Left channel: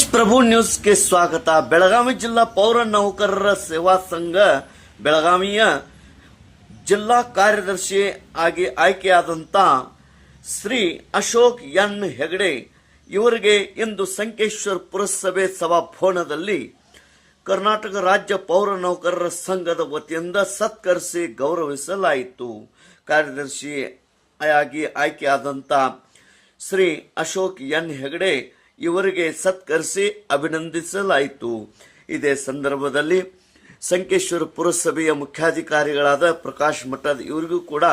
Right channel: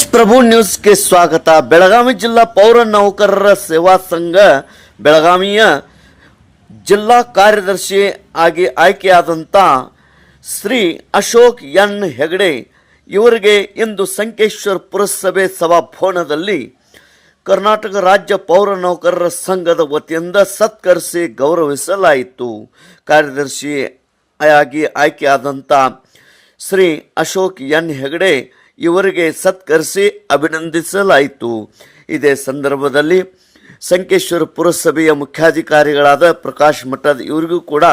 ದೇಶ್ ಪ್ರಭು ನ್ಯೂಸ್ಗೆ ಸ್ವಾಗತ. ಬೆಳಗಾವಿ ಜಿಲ್ಲಾ ಪೌರ ನೌಕರರ ಸೇವಾ ಸಂಘ ಬೆಳಗಾವಿಯ ಜಿಲ್ಲಾ ಕಾರ್ಯದರ್ಶಿ ಆಗಿ ಆಯ್ಕೆಯಾದಂಥ ಶ್ರೀ ಅಶೋಕ್ ಎನ್ ಹೆಗಡೆ ಇವರಿಗೆ ಇಂದು ಸಂಕೇಶ್ವರ ಪುರಸಭೆ ಸಭಾಭವನದಲ್ಲಿ ಕರ್ನಾಟಕ ರಾಜ್ಯ ಪೌರ ನೌಕರರ ಸಂಘದ ವತಿಯಿಂದ ಸತ್ಕರಿಸಿ ಗೌರವಿಸಲಾಯಿತು. ಕಾರ್ಯದರ್ಶಿಯಾಗಿ ಆಯ್ಕೆಯಾದಂಥ ಶ್ರೀ ಅಶೋಕ್ ಎನ್ ಹೆಗಡೆ ಇವರಿಗೆ ಸತ್ಕರಿಸಿ ಅಭಿನಂದಿಸಲಾಯಿತು. ಇದೇ ಸಂದರ್ಭದಲ್ಲಿ ಸಂಕೇಶ್ವರ ಪುರಸಭೆಯ ಮುಖ್ಯಾಧಿಕಾರಿಗಳಾದ ಪ್ರಕಾಶ್ ಮಠದ್ ಇವರಿಗೂ ಕೂಡ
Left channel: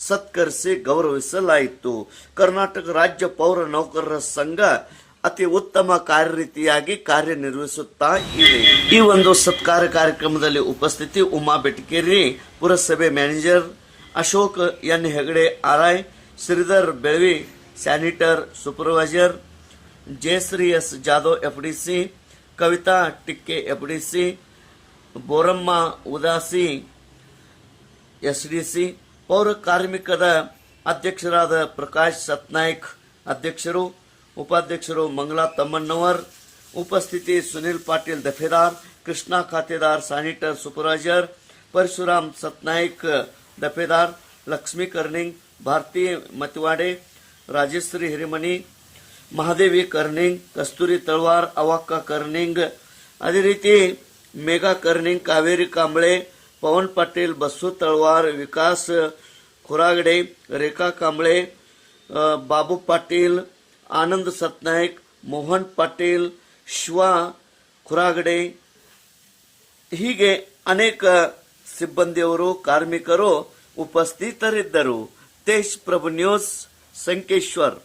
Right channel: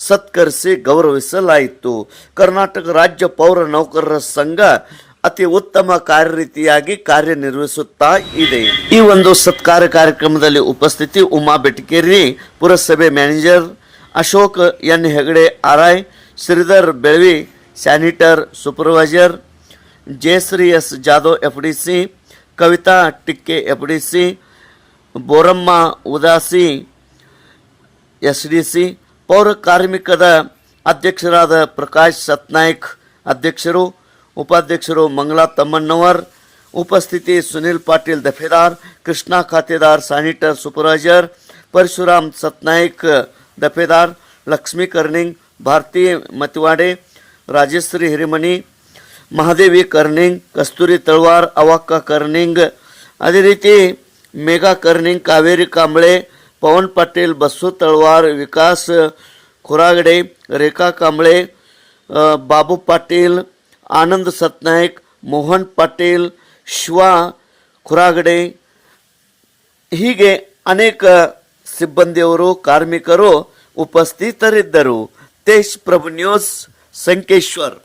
ಸತ್ಕರಿಸಿ ಗೌರವಿಸಲಾಯಿತು. ಕರ್ನಾಟಕ ರಾಜ್ಯ ಪೌರ ನೌಕರರ ಸಂಘ ಅತಿ ಉತ್ತಮ ಕಾರ್ಯರೀತಿಯಾಗಿ ಕಾರ್ಯನಿರ್ವಹಿಸುತ್ತಾ ಇದೆ. ಈ ಒಂದು ಸತ್ಕಾರ ಕಾರ್ಯಕ್ರಮದಲ್ಲಿ ಉಪಸ್ಥಿತಿ ಉಮಾ ಬೆಟಕೇರಿ, ಪುರಸಭೆ manager Ashok N Hegde RI, Shridhar Belavi sanitary supervisor, Jayashree S Jadhav FDC, Kavita Tikke FDC, Boramma Udasi SDC, ಪೌರ ಕಾರ್ಮಿಕದ ಅಧ್ಯಕ್ಷರಾದ ಪ್ರಕಾಶ್ ಸತ್ನಾಯ್ಕ್ ಅಧ್ಯಕ್ಷರು, ಉಪಾಧ್ಯಕ್ಷರು ಮಂಗಳಾ ತಮ್ಮಣ್ಣವರ್, ಉಪಸ್ಥಿತಿ ಸುನಿಲ್ ಪಾಟೀಲ್ ದಫೇದಾರ್, ಕೃಷ್ಣ ಖಾತೆದಾರ್ ಸ್ಯಾನಿಟರ್ ಸೂಪರ್ವೈಸರ್, ಪರಶುರಾಮ್ ಸತ್ನಾಯ್ಕ್ ದಫೇದಾರ್, ಲಕ್ಷ್ಮೀ ಕರ್ನಿಂಗ್, ಭಾರತಿ ಮತಿವಾಡೆ, ರಾಜೇಶ್ವರಿ ಹಿರಿಮನಿ, ಮಹಾದೇವಿ ಕರ್ನಿಂಗ್, ಕಸ್ತೂರಿ ತಳವಾರ್, ಅವಕ್ಕ ಕರ್ನಿಂಗ್, ಅದೇ ರೀತಿ ಮೇಘಾ ಕರ್ನಿಂಗ್, ಕಾವೇರಿ ಕಾಂಬಳೆ, ಪವನ್ ಪಾಟೀಲ್, ಬಸ್ಸು ತಳವಾರ್, ವಿಕಾಸ್ ಖುರಾಗಡೆ, ರೇಖಾ ಕಾಂಬಳೆ, ಬಾಬು ಪಾಟೀಲ್, ಆನಂದ್ ಸತ್ನಾಯ್ಕ್, ಮೋಹನ್ ಪಾಟೀಲ್, ಶಿವಾ ಖುರಾಗಡೆ, ಹೀಗೆ ಅನೇಕ ಸಿಬ್ಬಂದಿಯವರು ಕಾರ್ಮಿಕರು ಉಪಸ್ಥಿತರಿದ್ದರು. ದೇಶ್ ಪ್ರಭು ನ್ಯೂಸ್ ಸಂಕೇಶ್ವರ್.